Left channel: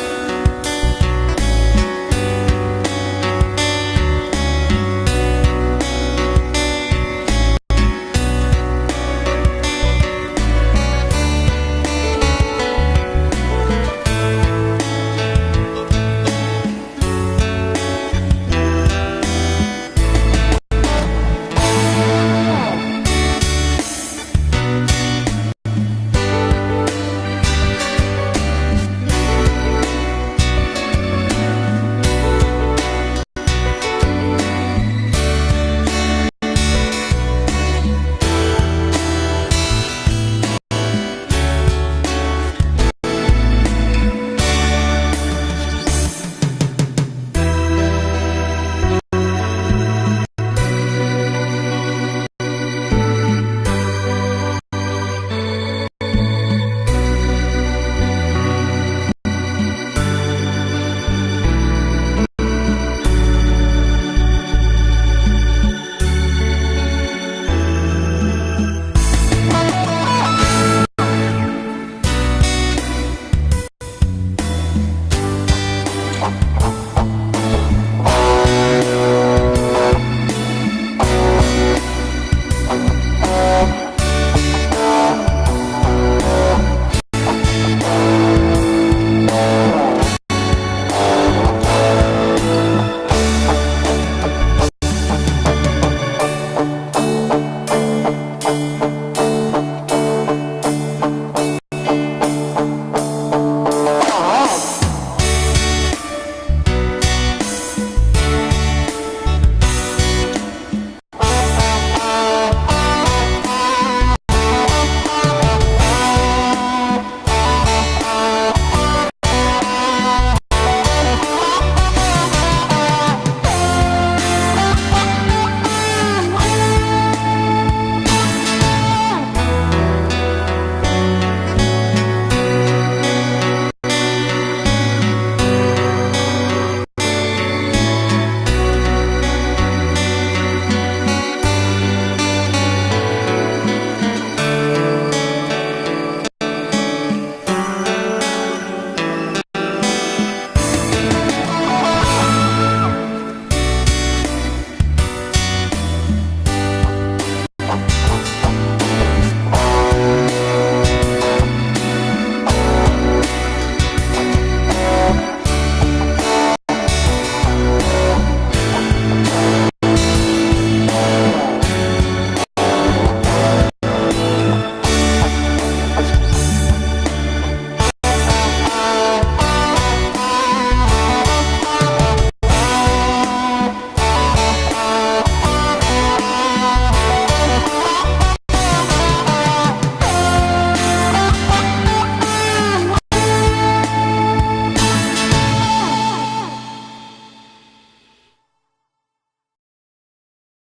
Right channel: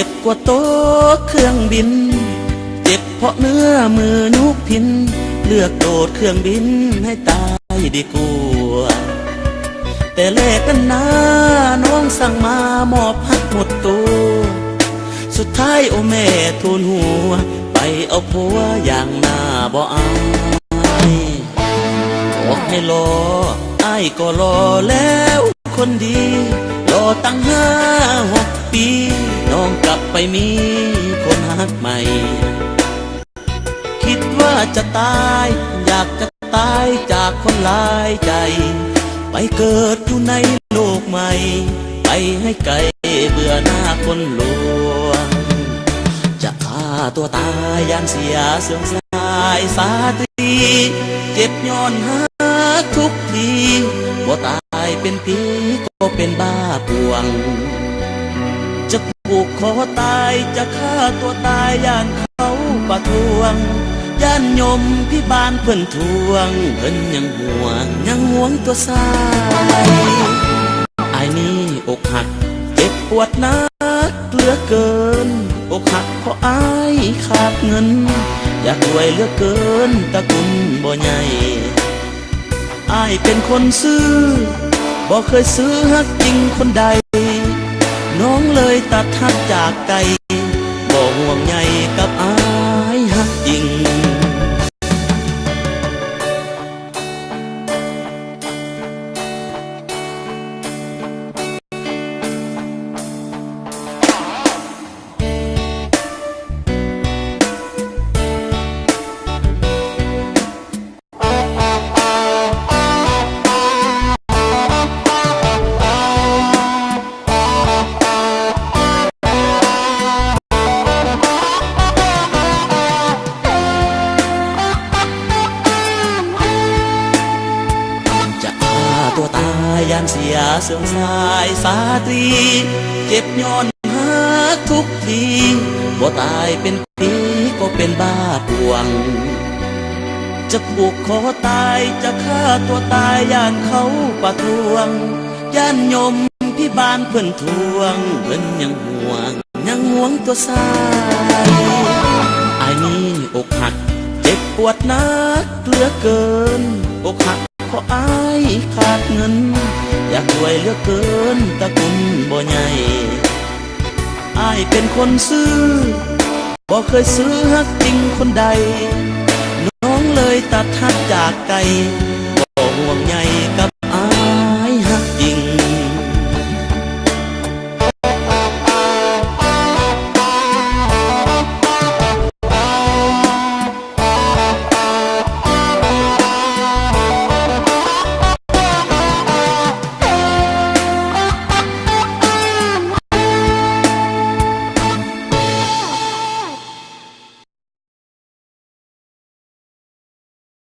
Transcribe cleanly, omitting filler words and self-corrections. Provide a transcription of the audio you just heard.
จ็บกว่าโต๊ะเครื่องบินเจ็บเพราะเนื้อมือนุกพินเลือกโดดเครื่องบินให้ตายดีกว่าแต่แลกกันนะน้องสั่งมามอบฮักหมดตัวสุดท้ายโอแม่ทูลหัวไปเอาผัวอย่างหน้าบ่อายบอกให้รออ้ายก็รอแล้วคนดีรอตั้ง5-6 ปีน้องกลับไปมีคนรักใหม่คิดว่าจะตายอยากจะตายจากคนหลายใจไปเกิดอยู่ในโลกใหม่ไปให้ไกลเบื่อหน้าคนลวงจะฆ่าตัวตายอยากเสียเสื่อมสายสาตรีเจ็บย้อนหาทุกทีว่าตายเป็นผีก็เป็นบ้าพวงจะผูกคอตายจะฆ่าตัวตายย่านเขาประท้วงย่านยมพี่บ้านเพิ่นทวงเพิ่นยังห่วงตัวสายไอ้นี่อกหักเจ็บปวดนักเหลือเกินอกหักเพราะอ้ายขาดเงินอยากรวยเหลือเกินตะกุนบ่ใหญ่อ้ายเป็นคนซื้อบ่เคยซื้อฮักจริงคนใดน้องเลยตัดฮักจากใจบ่ห่วงใยกับอ้ายฮักจริงเสื่อมสายสาตรีเจ็บย้อนหาทุกทีก็ตายเป็นผีก็เป็นบ้าพวงจะปลูกคอตายจะฆ่าตัวตายย่านเขาประท้วงย่านยมพี่บ้านเพิ่นทวงเพิ่นยังห่วงตัวสายไอ้นี่อกหักเจ็บปวดนักเหลือเกินอกหักเพราะอ้ายขาดเงินอยากรวยเหลือเกินตะกุนบ่ใหญ่อ้ายเป็นคนซื้อบ่เคยซื้อฮักจริงคนใด